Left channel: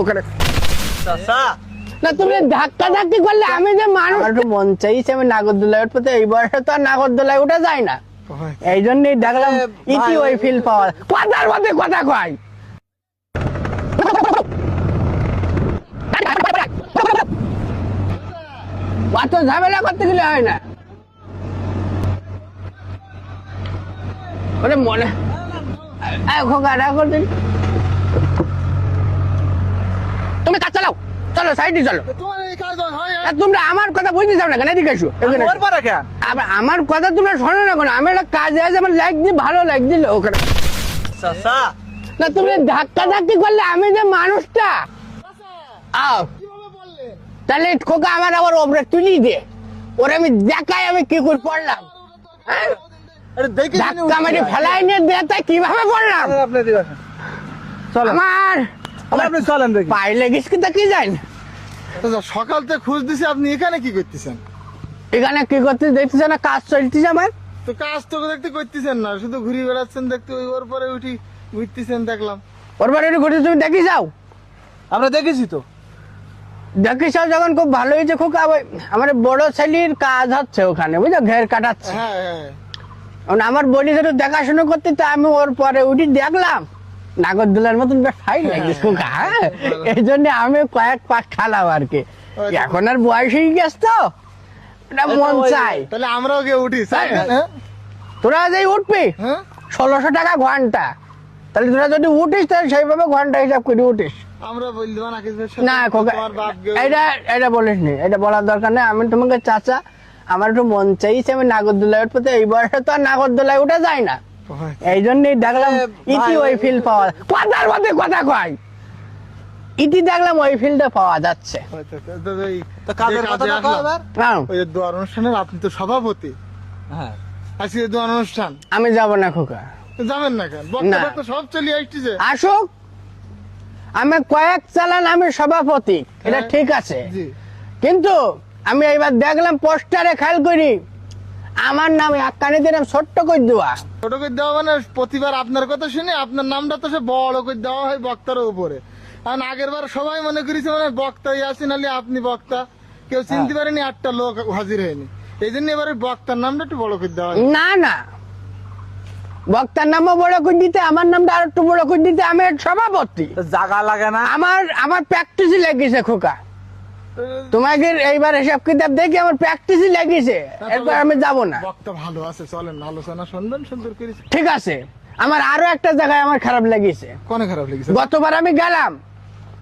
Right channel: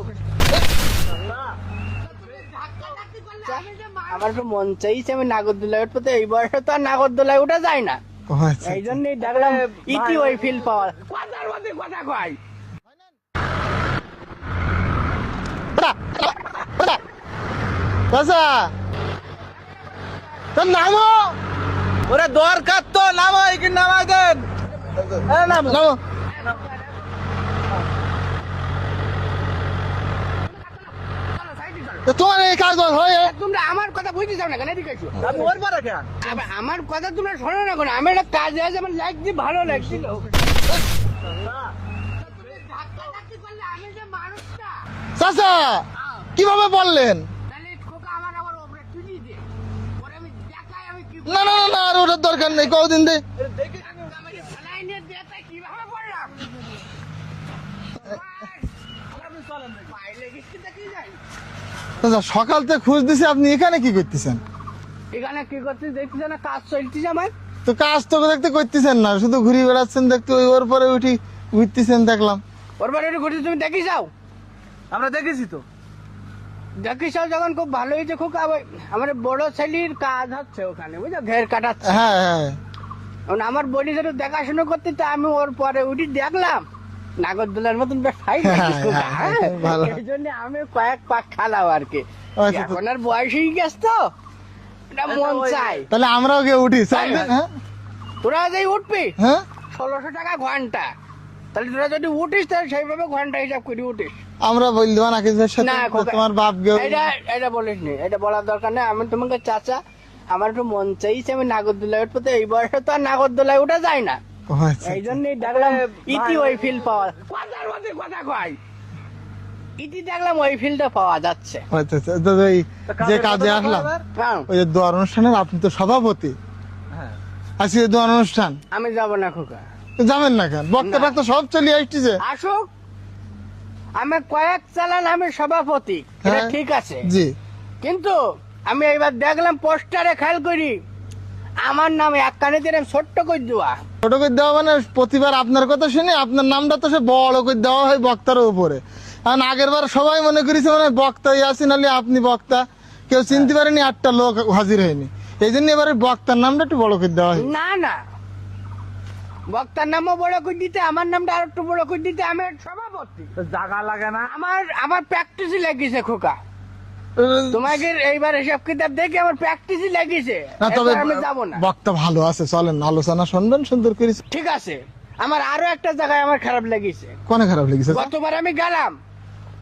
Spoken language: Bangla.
ওখানে না তুমি ধাক্কা ধাক্কি করলে আমি যে মানুষ মন চাইছে আমি নাগরদোলায় উঠতে, এই বয়সে তো আর নাগরদোলায় উঠে যায় না, এই জন্যই দেখলাম ইতি ওই ফিল পাওয়া কথার মধ্যে কথা কয়। অত ঝামেলা করতে গেলে হয় না। নামো, ওরে দরকার তো নামো, এখানে নামাই দেন। ওরে মনে খোকা রাখো দিন, তুমি কাজ চালাও, চলো সাইডে চলো। তোমার এই কাজ হয়, তোমরা আমার কথা বুঝতে যাও না কেন? এদিকে এসো। আমার কথা তোমরা শোনো না কেন? আমি একটা কাজে আছে, আমার লাইক দিয়ে ভালো লাইক দিল ওখানে। না তুমি ধাক্কা ধাক্কি করলে আমি যে মানুষটা। চাচা কিভাবে বললেন? তাহলে খোকা আমার আবার ওপরে তুলি দে, ওরে আমি দেখাই আমি কি করছি। ওটার দরকার নেই, কদিন দে ধাক্কা মেরে ফেলাই নিয়ে দে, তাই কিভাবে বললাম আমার আপনি চলেন দেখি। পায়ে লেগেছে কি তা কি জানি। সকাল থেকে খোঁজ দিছি, আপনি এখানে কি করতেছেন? এখানে কি করতে দেখতেছ না? কাজ চলতেছে আমার। তো কাজ তো দেখতে করতেছেন না, শুধু ঘুরে বেড়াচ্ছেন দেখতে, ওর পরে উঠি ঘুরতেছেন দেখলাম। ওর বাড়ি ঘুরে তুমি দেখি যাও। আমরা দেখেছি তো, দেখি যাও যখন খুব ভালো হয়েছে। খুব আমার বড় ছেলের কাজ হচ্ছে ওখানে, বুঝলো, ঘের কাটাচ্ছে। হ্যাঁ হ্যাঁ, আমার বডি একটু দেখাশোনা করতে, তো আমি ওর পরে উঠি দেখলাম নাগরদোলার মতন বেশ ফাই এই জন্য আমি কয়েক পাক খালাম আর কি। এখন আর বয়স হয়ে গেছে তো মন চাই। তাহলে আমরাও গিয়ে উঠি। তোরা যে উঠবি 1600 টাকা ঘন্টা, তাহলে তোরা যদি উঠিস তাহলে সেইভাবে ঘন্টা হিসাব করে উঠিস। আমরা বলবো না কিছু, তোমার বাপ এটা বলিস নি, এটা বলার দরকার নেই। আমি তোমাকে চাচা, আমার একটু মন চাইছে আমি নাগরদোলায় উঠতে, এই বয়সে তো আর নাগরদোলায় উঠে যায় না, এই জন্যই দেখলাম ইতি ওই ফিল পাওয়া কথার মধ্যে কথা কয়। ইতি দেখলাম ওই ফিলটা পাওয়া যাচ্ছে। অনুষ্ঠানের আপনি তো সভাপতি, আজকে দোয়ার অনুষ্ঠান আমি যাব না খোকা। যাবেন না কেন? বক্তব্য তো সব চলে আসছে। আসুক, আমি কয়েক চালান আমি সভাপতি, এটা ঠিক আছে, কিন্তু আমি এইবার দেখলাম পোস্টারে খেয়াল করি আমার নাম একখানে দিলাম ছোট্ট করে দেওয়া। ছোট করে দেওয়া মানে প্রতিবার আপনার কথা শুনে আপনার নামটা তো সে বড় করে দেওয়া হয় বক্তার উপরে। কারণ আগের বার সবাই মনে করেছে মানে বক্তাই আছেন, নাহলে আপনি বক্তা, কেউ চিনতে পারেনি, 8টা লোক হাজির হয়নি, এই জন্য এবারে বক্তার নামটা একটু বড় করে দেওয়া হয়। না না, বক্তার নামও বড় করে দিতে, আমার নামটা আর একটু বড় করে দিতে, আমি সভাপতি। জায়গা লাগে না আমার প্র্যাকটিসই লেগেছে খোকা। তোমাকে এইবার হিসাব কিতাব দেখি আমার প্র্যাকটিসই লেগেছে, আমি যাবো না। বক্তা ভালো আছে, চলেন আলোচনা শুনবেন, সুন্দর করে। ঠিক আছে, আমার আরো একটা জায়গায় আমার খারাপ লেগেছে। কোনে খারাপ লেগেছে? গতবার আমি গেলাম